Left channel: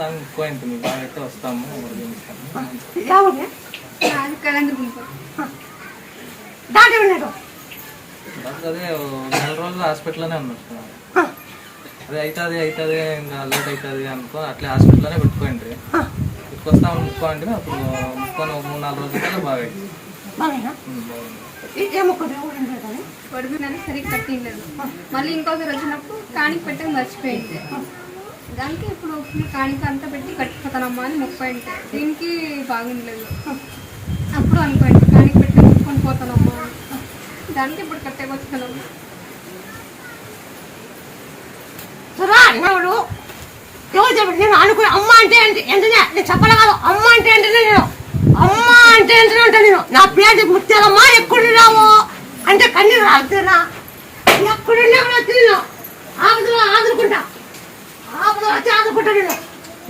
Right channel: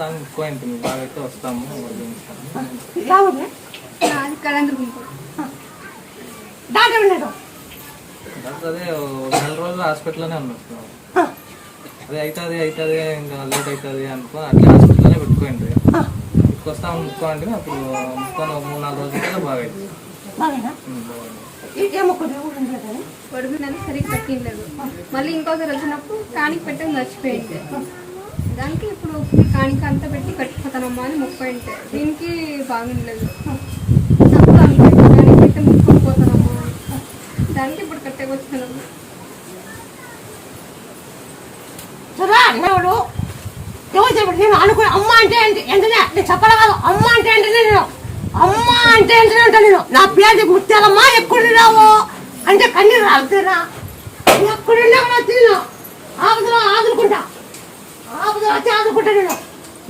ముక్కోయింటుంది బాగా అయితే వస్తాము. అదే 2 రోజులు హాస్పిటల్లోనే ఉన్నాడు. అదే అవుతుంది ఇంకా లేట్ అవుతుంది అనుకో అట్లా హాస్పిటల్లోనే పెట్టుకోండి. ఇక్కడికి వస్తాము ముక్కోండి. అప్పుడు ముక్కొని 3-4 రోజుల కల్లా బాగా వడిపోయినా సరిగ్గా కట్టిండలేదు. మళ్ళీ ఇంకొకరు వచ్చినప్పుడు కానికి పెట్టక మర్చిపోయింది. దానికి ఇప్పుడు కానికి అంతా పెట్టి కట్టిపోతానమ్మా అని ముప్పైంటే దీనికి బాగుండలేదు. అప్పుడు అనుకోండి కానికి పెట్టి ముక్కొని పోతానమ్మా దానికి ఇప్పుడు కట్టేకొచ్చానమ్మా. నేను అనుకుని అమ్మ అంటే ఏంటనే నేను చెప్పలే కాదు. అమ్మ అంటే ఏంటనే నేను అమ్మ అంటే ఏంటనే ఉంటాను. నేను నా పేరు ముత్యాలమ్మా ఎక్కడున్నావు అంటే కన్నీరు రాగుతున్నా. ఎక్కడున్నా కూడా తిన్నా ఆదుకుంటా. ఆదుకుంటా నేను